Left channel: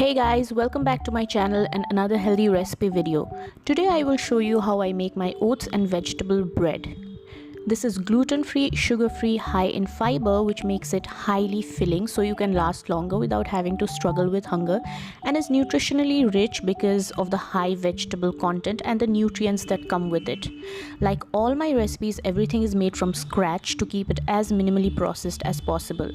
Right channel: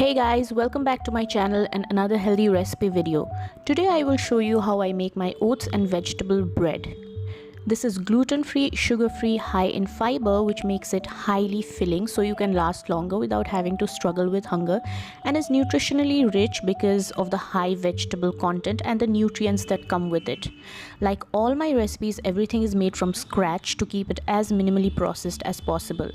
Hey guys, welcome back to my channel and another healthy recipe video. Today I will show you how I make my oats and vegetable bread. This is gluten-free, sugar-free, high in fiber, which makes it highly filling so you can last longer without having to struggle with hunger, and is nutritionally rich because of the high vegetable content and the nutrients that come with it. Like all my recipes, everything is made from scratch to keep it as minimally processed as possible.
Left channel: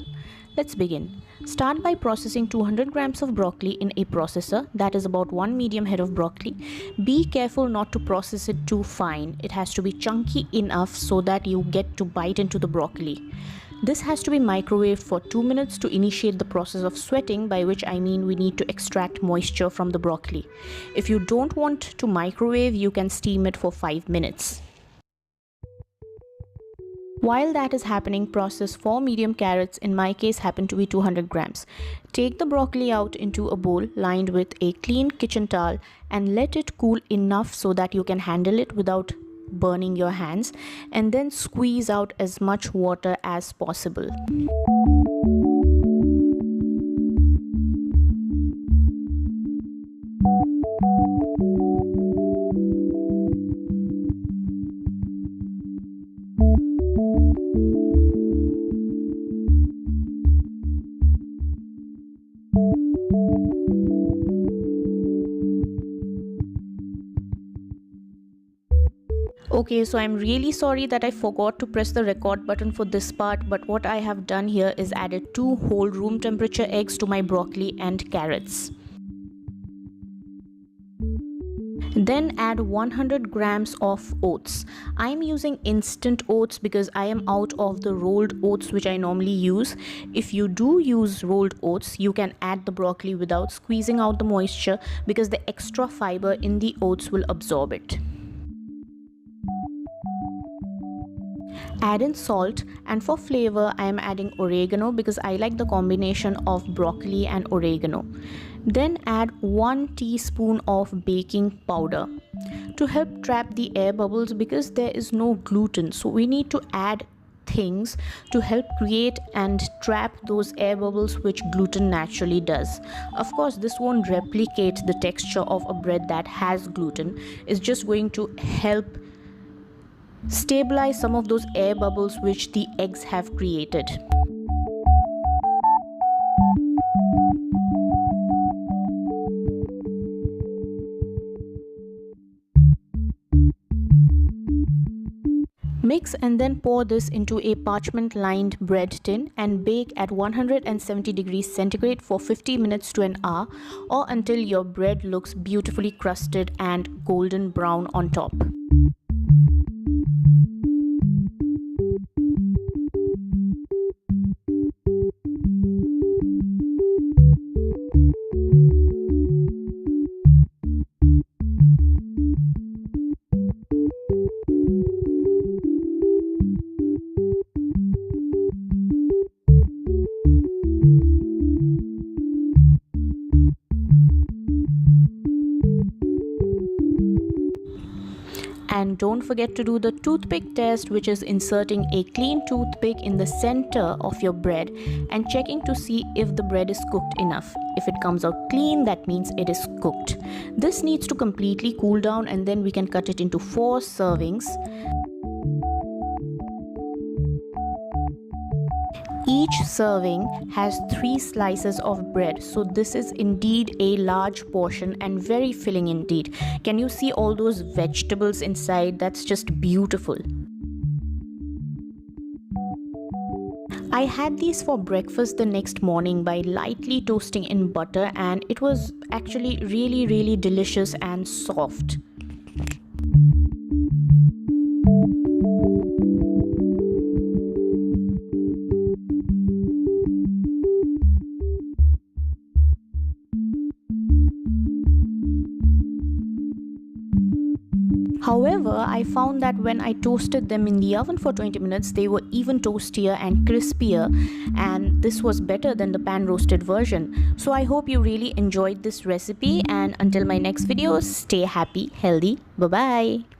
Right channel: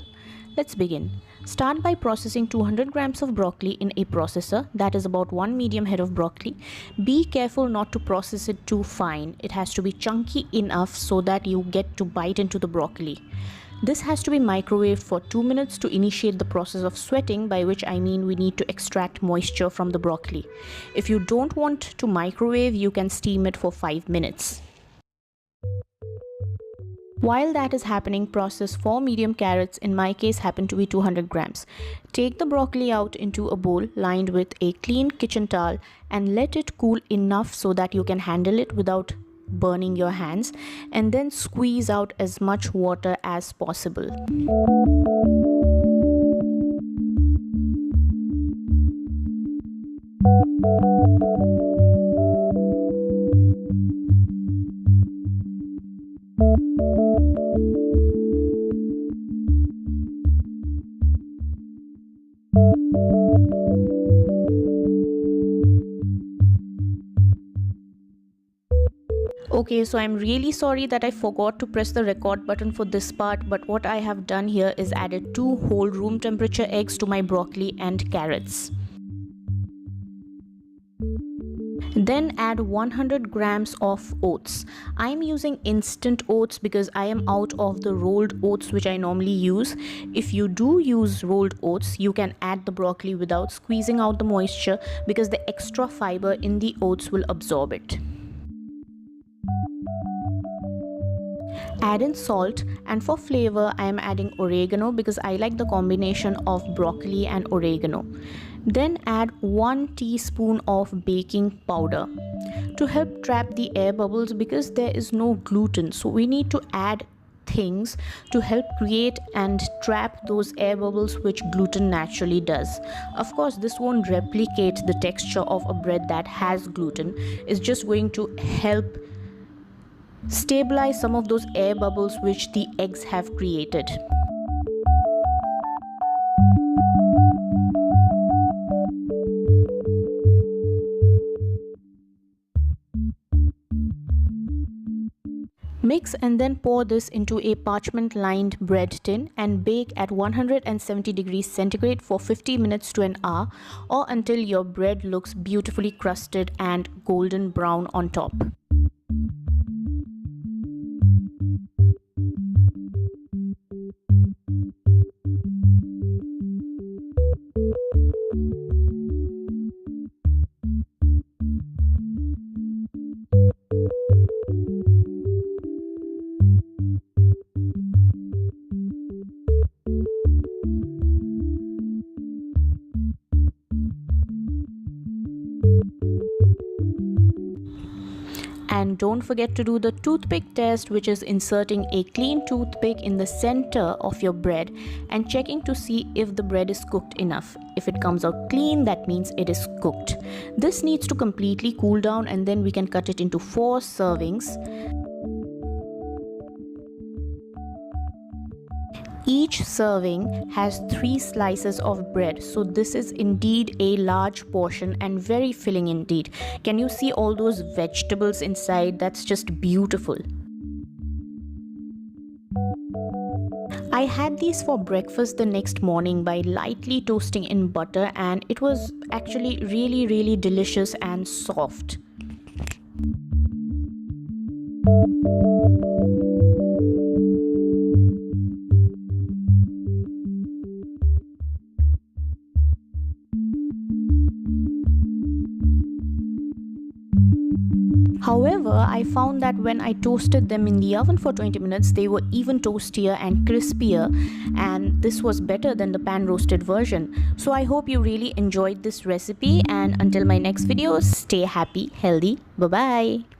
Let's begin. Start by processing 200 grams of broccoli in a processor, that is about 1 medium head of broccoli. Be careful not to process it too fine. It has to be chunky enough so that you get to bite into the broccoli. This has to be microwaved for 2 minutes to initiate the process of sweating, by which I mean we need to extract moisture from the broccoli. If you don't want to microwave, you can steam it for 5 minutes. While that is happening, process 4 medium carrots, in my case happen to be 200 grams. Take the broccoli out into a bowl lined with a clean kitchen towel and let it cool enough so that you can handle it without burning your hands, and then squeeze out as much water as possible. Okay, so I'm really sorry that I forgot to press the record button for this part, but what I have done here is added 2 whole room temperature eggs to my broccoli and carrots. Then add 100 grams of oats. I'm using instant oats because I am out of the rolled oats which I normally use. If you do use rolled oats, you can add the broccoli without squeezing out the moisture because the extra fiber in the oats will absorb it. Add in salt, and for flavor I am adding oregano because I like the combination of broccoli and oregano. Then add 1 teaspoon of baking powder to help trap the air bubbles because there is no gluten, so we need to add things to help create and trap those air bubbles which gluten naturally does. Of course, this won't replicate the texture of a bread that has gluten. It's just going to help stabilize some of those air bubbles which the eggs have created. Mix and then pour this into a parchment lined bread tin and bake at 170 degrees centigrade for 50 minutes to an hour, or until your bread looks beautifully crusted and golden brown on top. And don't forget to do the toothpick test, which is inserting a clean toothpick in the center of your bread and checking to see if the bread is cooked enough. If it comes out clean, that means it is cooked. This needs to completely cool down, and then we can cut it into 4 servings. Each serving has 3 slices of bread, so this is indeed a large portion and very filling indeed. Can you see all those vegetables inside? That's just beautiful. I had these for breakfast the next morning by lightly toasting in butter, and it was actually really delicious and soft. However, I found that when I toasted them in the oven for 20 minutes, they were even toastier and crispier, and this was better than the pan roasted version. So I hope you really enjoyed this recipe, and until my next video, stay happy, healthy, bye bye.